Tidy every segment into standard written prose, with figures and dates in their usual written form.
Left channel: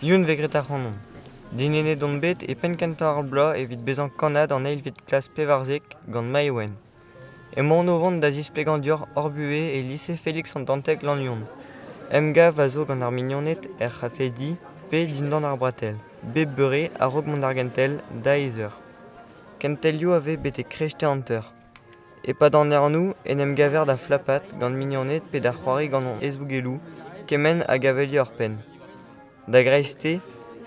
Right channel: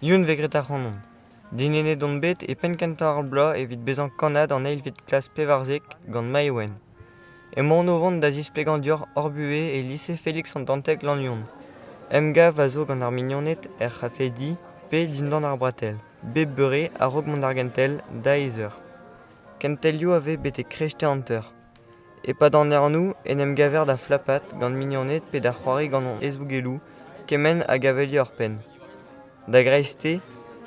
Youn vegret ar c'hanon. Dinene don bet e pen kentañ ar bloaz evit bezañ kanad an eil vid klas pevarzek gant Maïwen. Emaon o vont da zisplegantur Orbue e lycée Félix an Dantec Lannion. Emgav a zo gant ar mignoned er c'hafedi pe dindan ar bratel. Bep beure a rog mont argentel da ezer. Kentelioù ave bete krechte hanter. E pa d'an ernou en emgaver da flapat gant mignoned pe da c'hoari gant an ezbougelou kemen a gavelio ar pen. Da greiste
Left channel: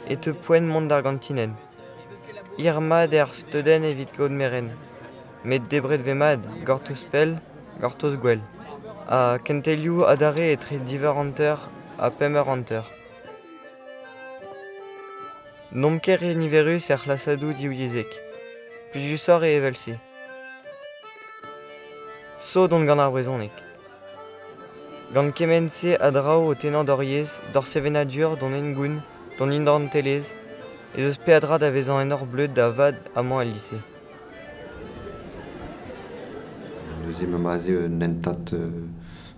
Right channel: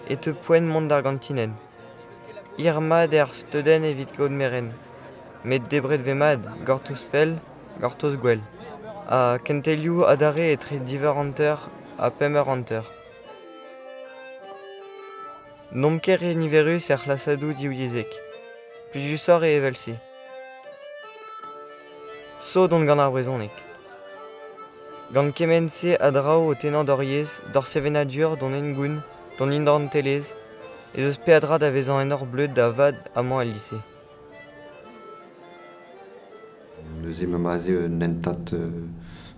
e te poen mont d'argentinen. Irmad er steden evit gaud meren. Met debret vemad, gortoz pell, gortoz gwell. A kentelioù adare etre diver hanter a pemer hanter. Nomker e niverus er c'hlasadou diouiezek. Plijusor e evelse. So dont gant ar brezonek. Gant kemense a drao o tenant d'oriez, d'or sevenadur don engoun, don indan telez, ez eus pe adra da vezan en or bleud da vad amañ al lycée. Neuze ma maze nentat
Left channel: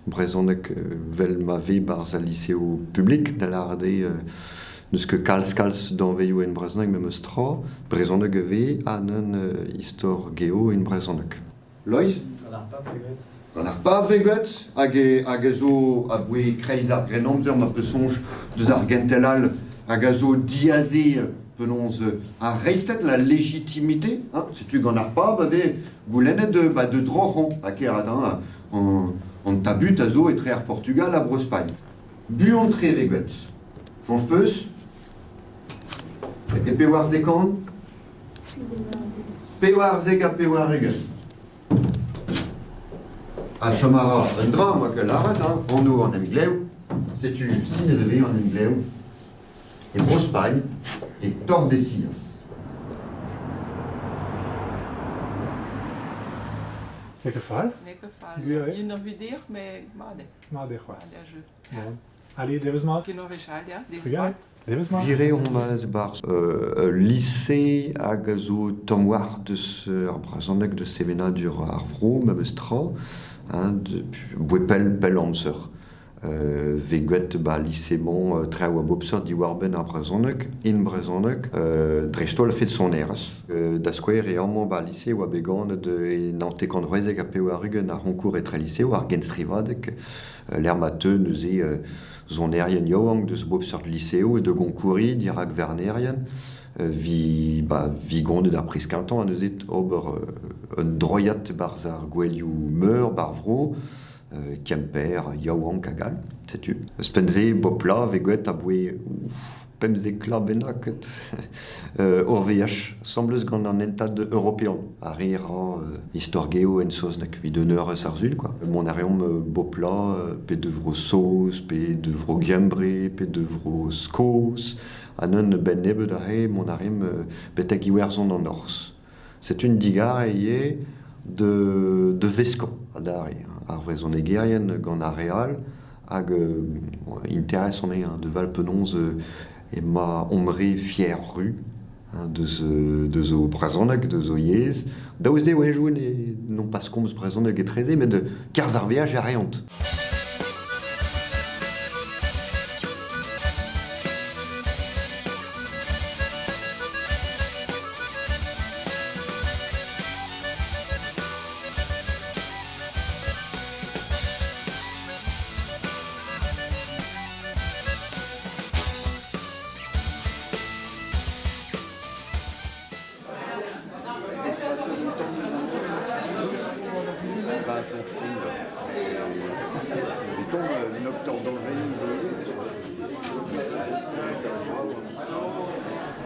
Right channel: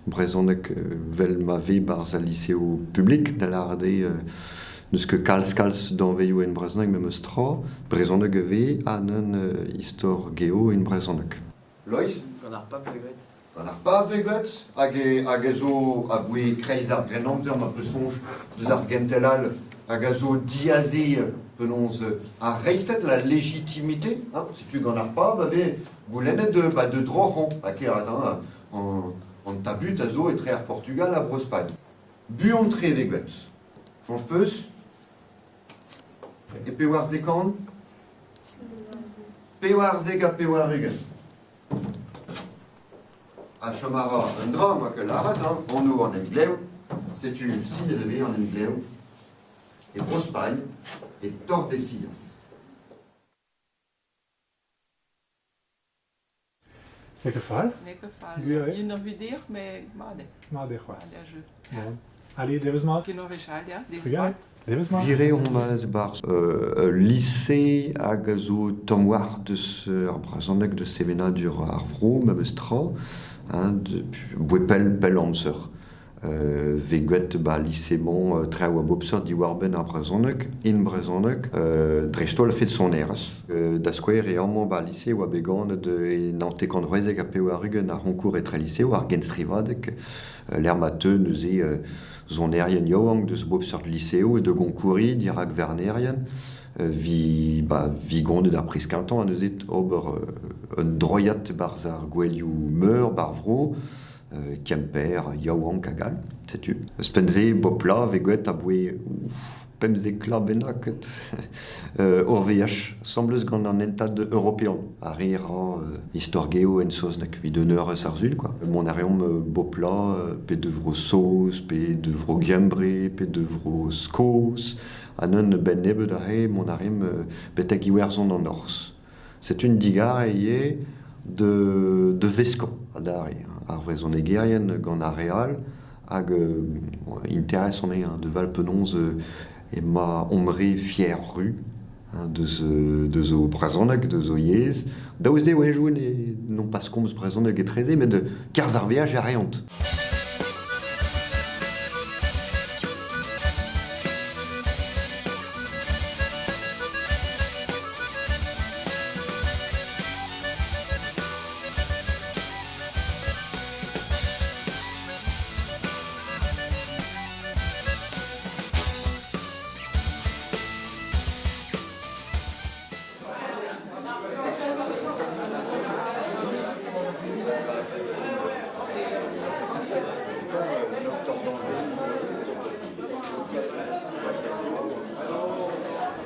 brezonek vel ma ve barz al lycéo publik da l'arde neus ket kalz d'an veioù en brezonek mem eus tra, brezonek ve an un istor geo en brezonek. Loiz? Gant ar pa veget hag e zo a boe kreiz ar grenamzer ma peus sonj deus ar gentelal hag a zo diaze penons a reistet la légitimité, setu gant ar pa ve goulennet de drojan hag e an tabut a zo etre ar Portugal a Brospagne. Buon tre veget. Jonj peus? E pe war zekan? Pe war zeg a pe war ugen. A chamara un dra, moi que l'arat, en nous en anglais, c'est une signe de vie en anglais, et Brospagne, et Tordesillas. Welke fall? Welke fall? Ja, Je nog weer dicht, maar Maar de maar quoi? der jeu. Bon. Allez, deus mat. Qui nog weer schalt, ja? Die Regarde. Deus mat. Vire on ma bar lycée hag zo tomwar deus ar brezonek de sevenadur ar vro, mem eus tra, boe pell amzer. Veget ba lycémon tre oa bopser di war ben ar brezonek, in brezonek, drestol fet son eras. Da skouer e amman ba lycée oa began de nante kandrezek a pe oa rugen ar ronkour etre lycée oa ar genstrivadek, l'er mateu neuze zon erien yaouank deus bopser de lycéo e de gonkouri dirak vernerien, vi gondet ar priskintan a neuzet ober un droyat barz ar gwelioù meur bar vro, Kemper, yaouank a gal, setu. Eus penze bopla veget a boe pemzek la benaket ur veach, semblez gant an entad européan. A rir histoire geo en soznek, vid un eur eus ar zul, quoi. Mon ariom bopla, pe de vro saus, pe de vro gembre, pe de vro skos, an un ben nebet a he, mon ariom betek iwerzon an ors. C'est une digar e de veskan, a dare. Ar vrezonegerien gant ar real hag interesant de valpenons e ma omre fier ru de zo brezonek, de zo yez. Daouz de ouejouen e non pas komz brezonek e treze, met de karz ar veaj a reont.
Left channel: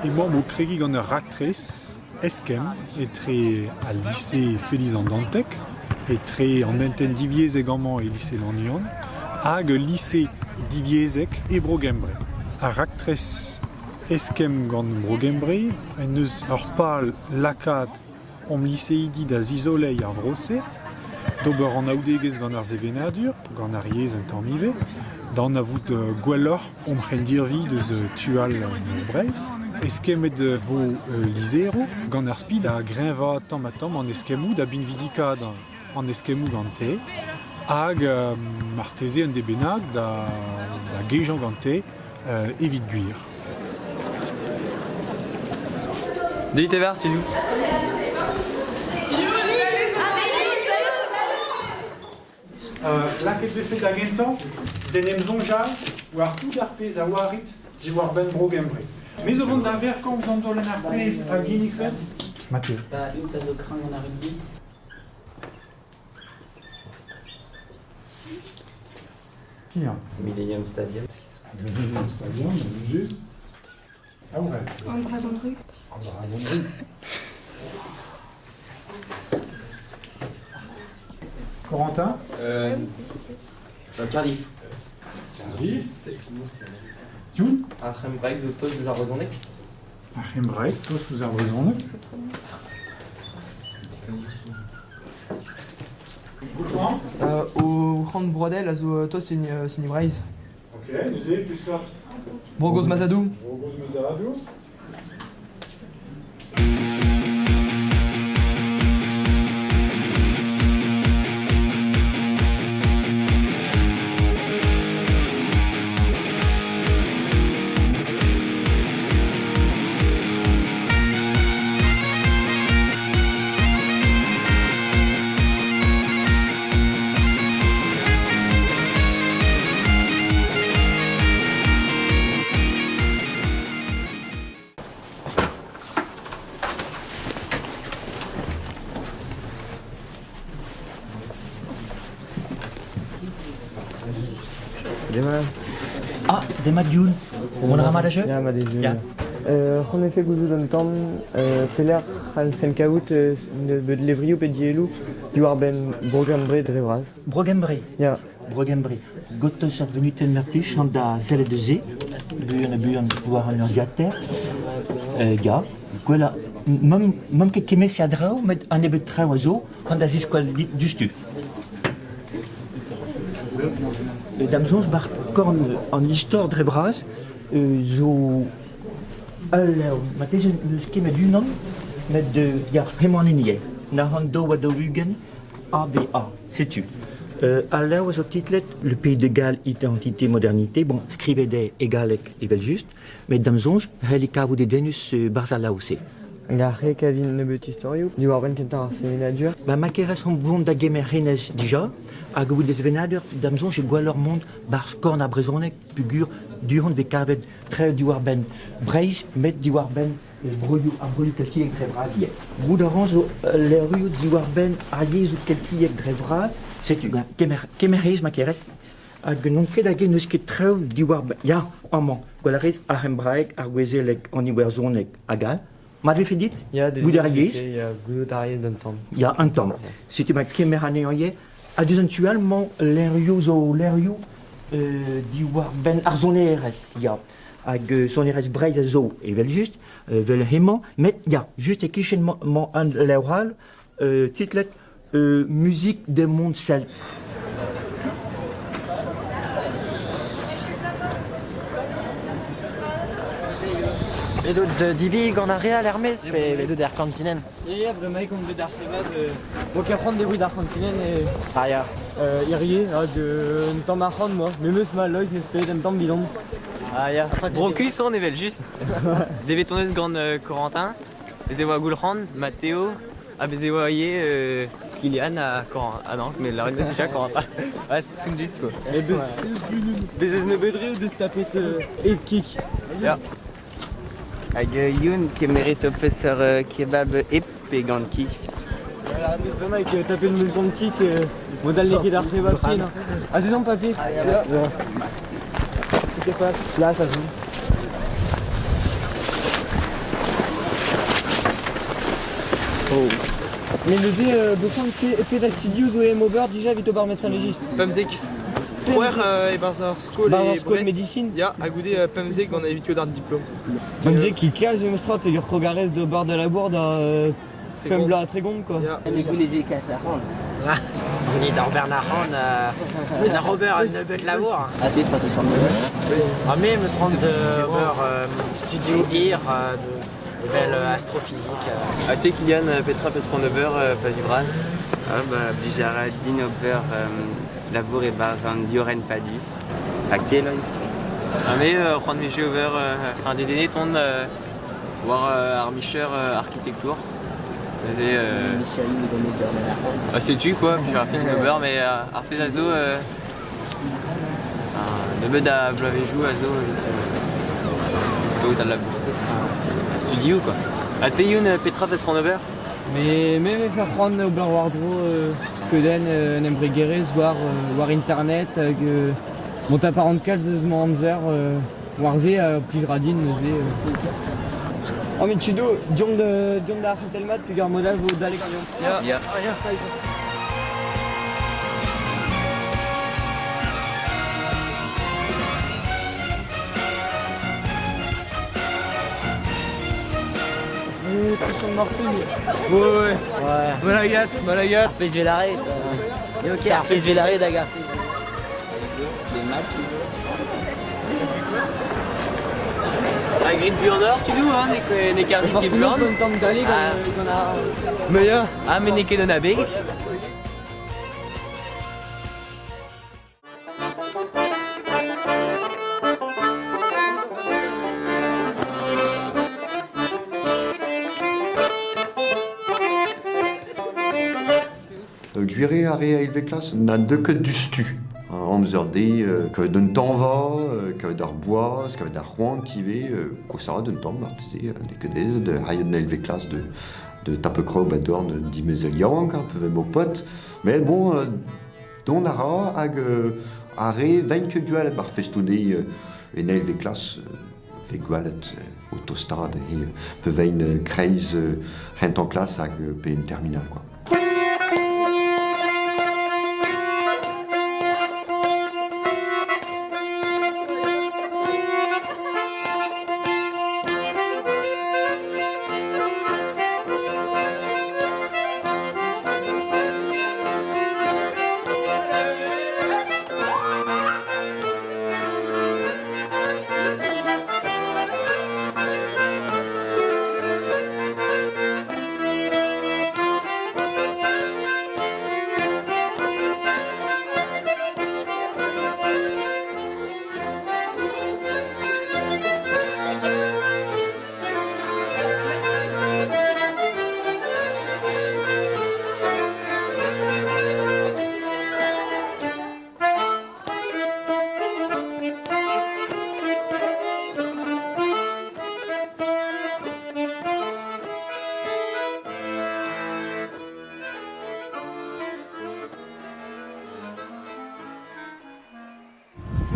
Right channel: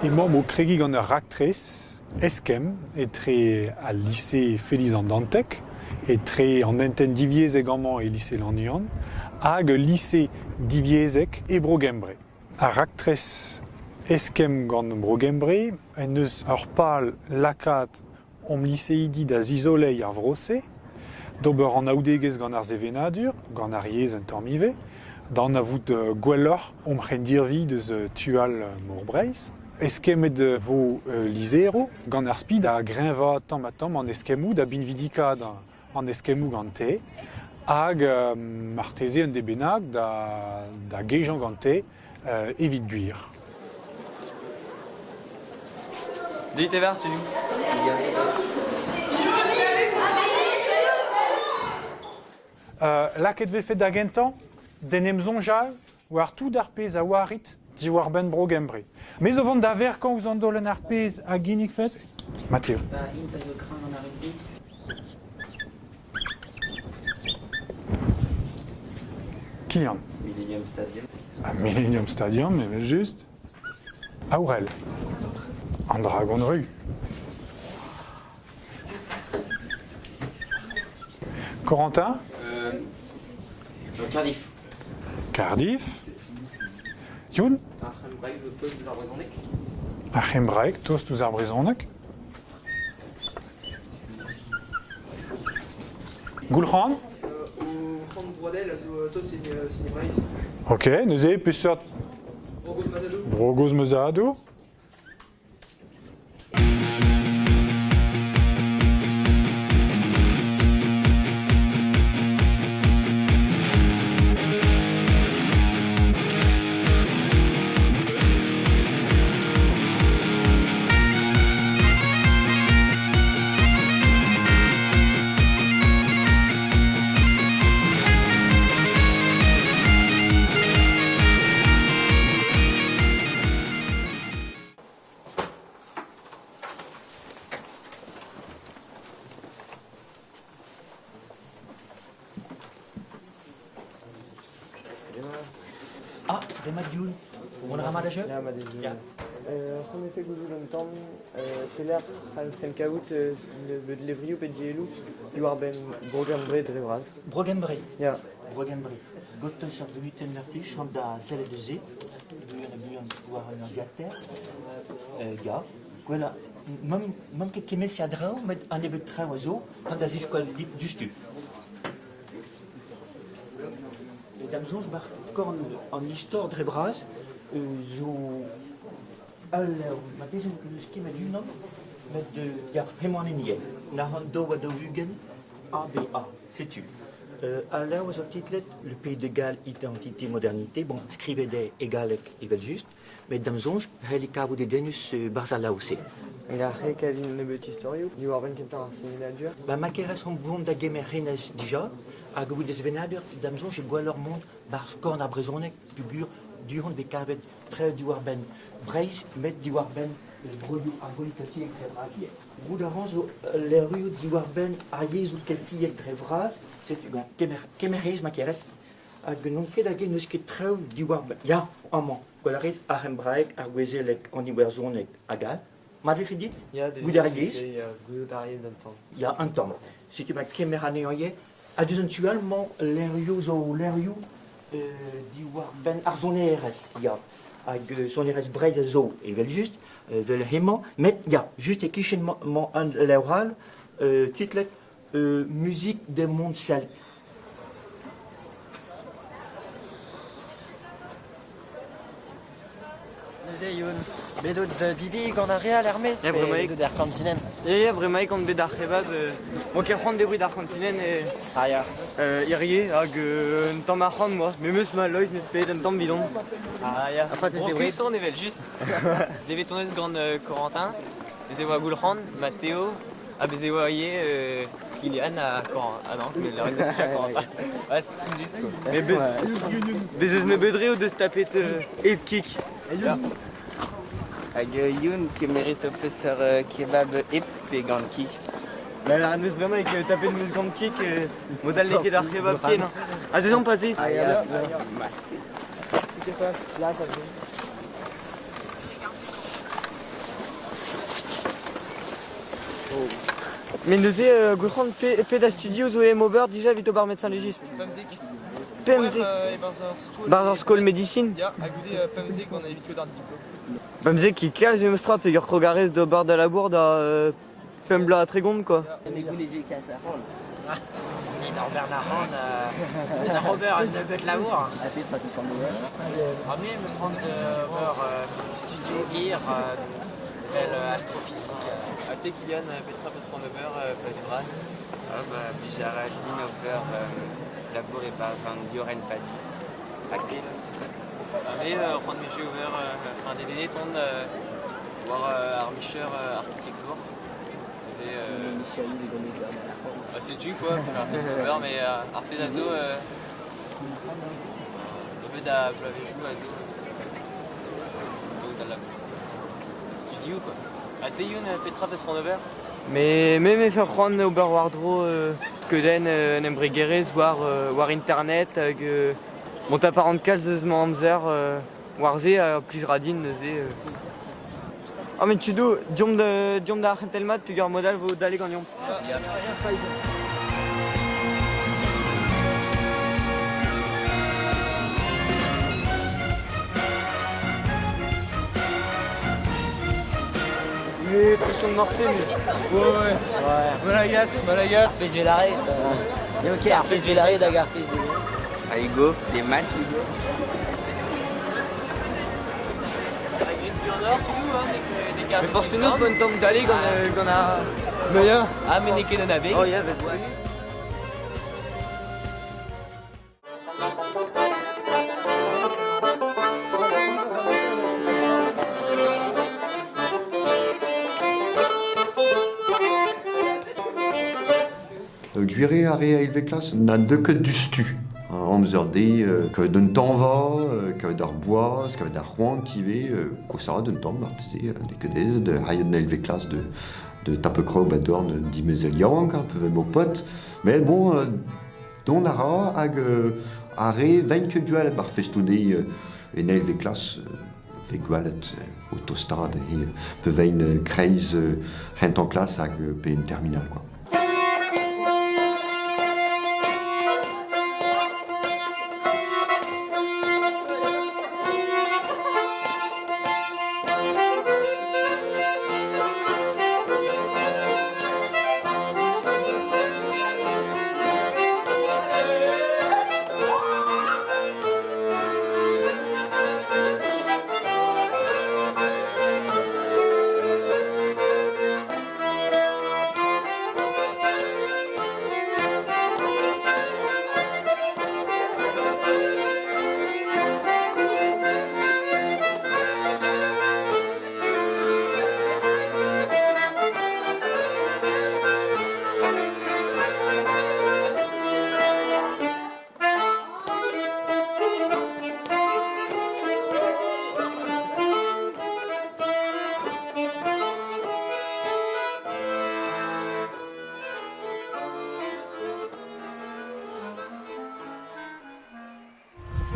Emañ mo kregi gant ar raktrez eskem etre al lycée Félix an Dantec, etre an enten diviezek amañ e lycée Lannion, hag lycée diviezek e Brogembre. Ar raktrez eskem gant Brogembre, en eus ar pal lakat om lycéidi da zizolei ar vrose, d'ober an aoudegez gant ar zevenadur, gant ar yez un tamm ive, dan a vout gwelloc'h om c'hendirvi deus tual breiz. Eskemet vo lizero, gant ar spid a grenva tamm an eskemmoù da binvidikad an eskemmoù gante, hag marteze un debennak da gejan gante evit gwir. Dit tes vers, c'est nous. Laket vefe da gentan, denem zonjal, war tout ar pez a warit, zi war ben brogembre. Me zo vant da ver quand vous en dolen ar pez a ginik fet? Matteo. It a zo kran an arrêté. Kylian. Millennium Stadium. A Millennium Stadium, mais juste. Aurel. En dragonnerie. Corentin. Cardiff. Cardiff. Youn. Achem Braik, Zotos, vous arrosonek. Achem Braik, tous vous arbrizonek. Goulran. Au Rand Brodel, also to c'est une braise. Ok, nous avons pu sur Brogos Mazadou. Brogos Mezado. Ah, de Madioun. Mon ramadage? Ja, maar die zijn. Ja. Gewoon even goed doen kan. Peler, han fen kaout de levriou pe dielou. Du war ben Brogembre de Revraz. Brogembre. Ja. Brogembre. Gottes er venu ten merplus an da zelle de ze. Buurn war an urdiater. Ja. Gwella. Mam ket kemes ya drao, met an ebet trao a zo, an da ziskwal dit justu. Damzonj bar korn an histoire dre braz, zo matez eus kemet unan, met de ya hemañ enie. Na han do a do ugen, ABA, setu. Alors, au titlet, le Pays de Galles, identité, modernité, bon, scrivede egalek evel juste, mais damzonj, helikavo de denus barzala aussi. Ja, rek avin nebet historiou. Du war ben kentar semenadur. Ba makeres on vont da gemer renez déjà, a gou des venader, damzon je gwalor mond bar skorn a brezonek, pugur, durant de kavet tre du war ben breiz, met du war ben broyou keltiek dre braziek. Gou d'orange les rues du war ben a yezu keltiek dre braz, c'est tu kemerez makeres, a non ket a gen eus ket treu du war ben, ya, amant, gwalarez a hembraek a gwezelek an iwerzonek a gal. M'avez fait dit? Ja, de Goudariez. Ja, goudariez d'un temps. Il y a un temps. C'était ma première année en hier. À deux actuellement, l'Erio du war ben arzone RS. Il y a son RS Braise zo et vel juste, vel hemo, mais il y a juste et qui mon un l'oral, titre musique des mondes celtes. Edo dibi gant ar real Hermes, pe edo der kantinen. Ja, bremaik an bet ar sebab, mo ket c'hant deroù d'ar kantinen e... Ah ya. Irie, hag un tamm ar c'hant, moi. Me meus ma loit, nes pet un tamm bidon. Ah ya. Brocus on evel just. Devet tonez gant Corentin, bez eo a Goulran, Matteo, a bez eo a ye Kylian a Corentin. Ah non, mais la reine de Sija, Corentin. Ouais, c'est tout dit quoi. Bez eus nebedre ou deus tapet ep kik. Ja. Hag youn kemeret o peus ur kebab ep pe gant ki. La meus bremaik tapet meus gant kik, model neket ar sebab ken. A zezan pase. Ja. Tout est pas. Là, ça joue. Oh. Mais neuze, gofant pe da studio zo em ober dija vit o bar médecin légiste. Pemzek. Pouer e barzar skol Barzar skol médecine. Ya, a goude Pemzek gant evitio d'ar diplôme. Bamzek qui kaz em stra pe ur krogarez do bar da labour da pembla tregond quoi. Ya. Me gouneze kas ar ran. Veni d'ar Bernard na Robert an nebeut labour. A te prato fan me. A me meus rand studio ir, evel astrophysique. A te Kylian petra peus ran ober pa vibraz. Ah bah, bijara din ober labour e bar an dioren padus. Ak te lois. A me ran meje ober, fin de dene ton Voir Armicher architecture. Michel, il donne le beurre. Bah, c'est-tu quoi, puis Rafik Nober, mais Arfez Azo, de bed à Blavéjou, Azo, t'as de la bourse, studio quoi. A Teyoun Petra Vesronober. Mais même faire prendre Oberwardro que den n'embrigere war internet monta par en calzement amzer warze plus radin ze. Ah mais tu dois diom da telmat puis gar modal vous d'aller gagnant. Ja. Ouais. Malagat. Arpez Vélaré. Ok, Arpez Vélaré, Dagar. Aigo, les matchs. La grille de Burnor, tu dois, hein, n'est qu'arzi qui blonde. Ah, mais n'est que de nabé. Guiré a élevé classe n'a deux que du stu. On me dit que d'un temps va, que d'un bois, que d'un roi qui va, que ça d'un temps, martisé, que des de hayen élevé classe de tapecro badorn d'imezelian, un peu mon pote. Mais bon, don ara ag arrêt 20 duel bar festudé une élevé classe. Vegualet au tostade et peut veine kreis en classe ag pe une terminale quoi.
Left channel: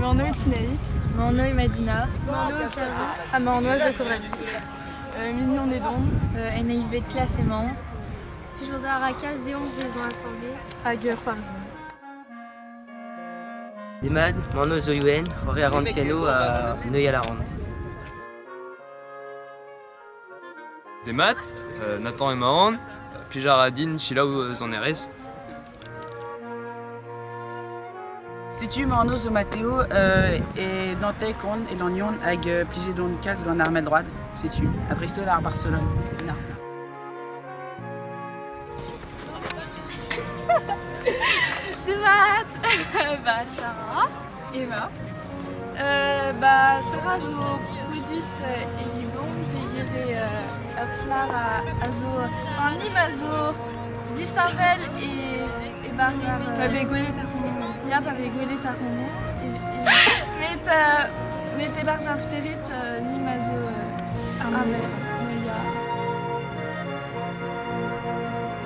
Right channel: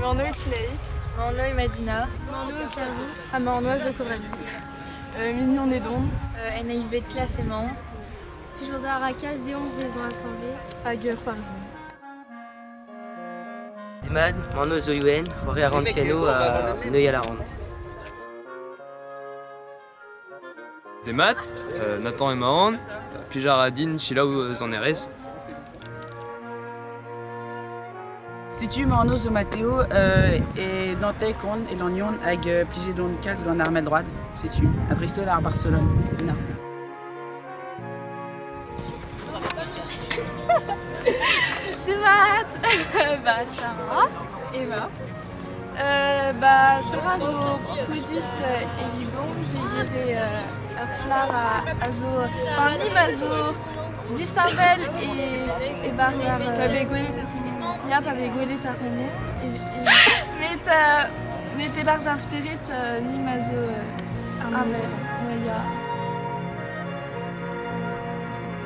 Morno et Tinaïk. Morno et Madina. Morno et Carlo. Ah, Morno et Coralie. Mignon et Don. NIV de classe et Mans. Toujours d'Aracas, des 11 maisons assemblées. Agueur Parzine. Demad, Morno Zoyouen, Roré Arantiano à Neuilly-à-la-Ronde. Des maths, Nathan et Mahon, puis Jaradine, Chila ou Zaneres. Si tu Morno zo Matteo et Dante Conde et l'Onion avec pligé don casse gant armel droite, si tu adresse-toi à Barcelone. Non. Des maths. Bah Sarah, Eva. Bah Sarah zo plusieurs évident, je dirais Clara azo, enfin Nima zo d'Isabelle et Barrière. Ja, pas végolé ta rené. Mais t'es barzar spirit ni mazo armel.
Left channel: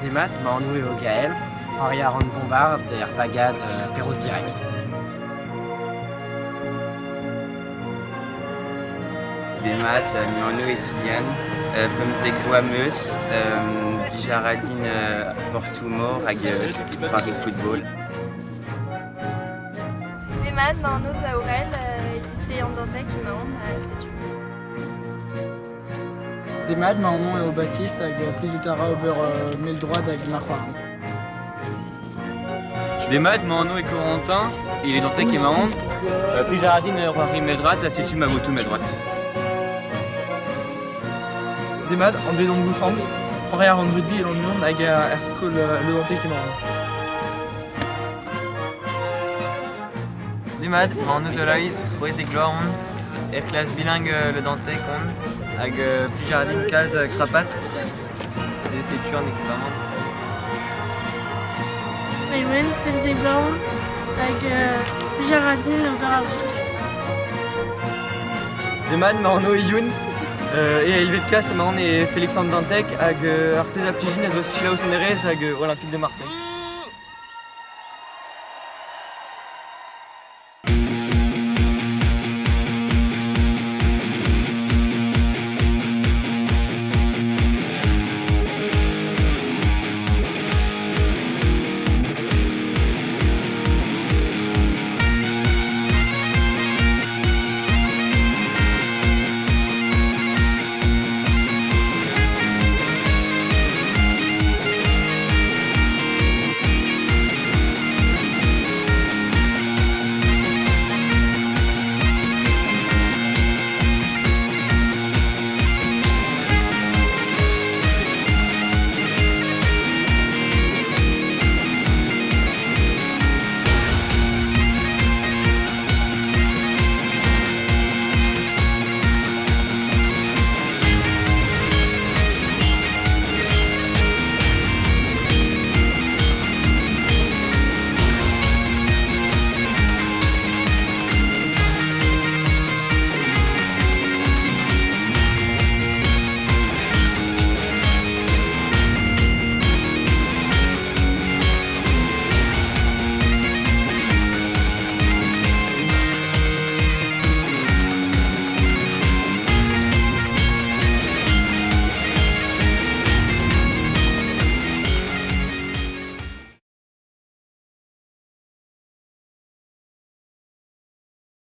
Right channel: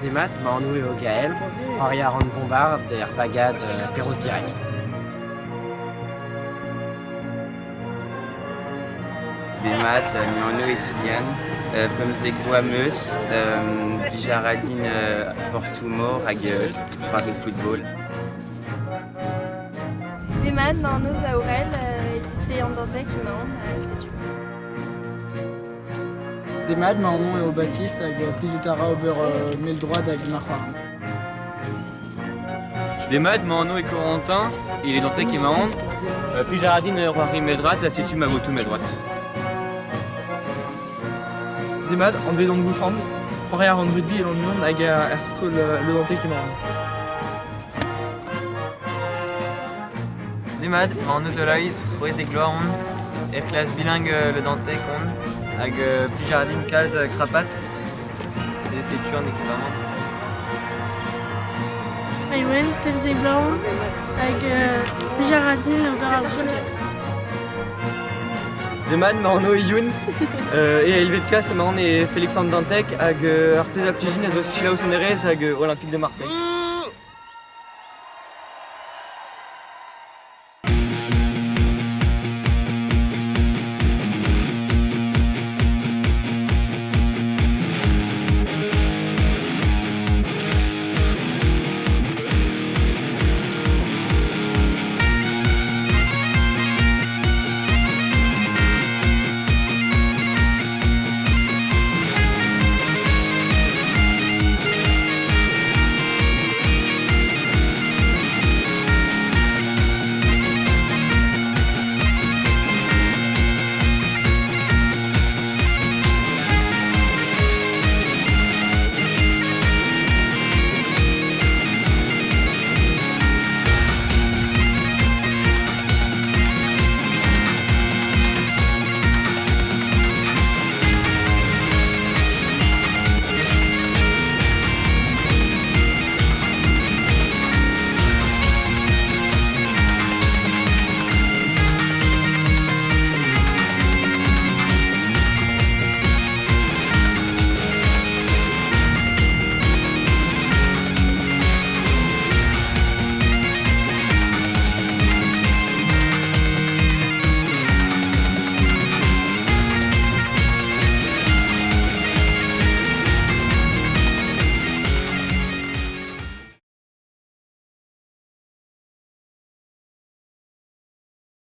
Des maths, Mornou et au Gaël, Henri Aron Bombard, der Pagade, Perros Guirec. Des maths, Morno et Tiliane, Pomzekwa Meus, Bijaradine Sportumor, avec Paris Football. Des maths, Morno Zaurel, lycée Andantec, Imaon, c'est tout. Des maths, Mormon et au Baptiste, avec plus de Tara au beurre mille droit avec Marquard. Des maths, Morno et Corentin, et les Antec et Mahon, puis Jaradine, Roary Meldrat, la Sétu Magotou Meldrat. Des maths, André Don Bouchand, Roré Aron Rugby et l'Union avec Erskol le Dantec et Mahon. Des maths, Morno Zolaïs, Roez et Gloiron, et classe bilingue le Dantec, hag Plijaradin kalz Krapat. Et setu an ekipamant. Maïwen, Perzé Blanc, hag Plijaradin ober ar zoug. Demad ma anno e Youn, e a ilvet klas ma an e Félix Andantek hag ar pez a plijin a zo stilaoù senerez hag Olympique de Marseille.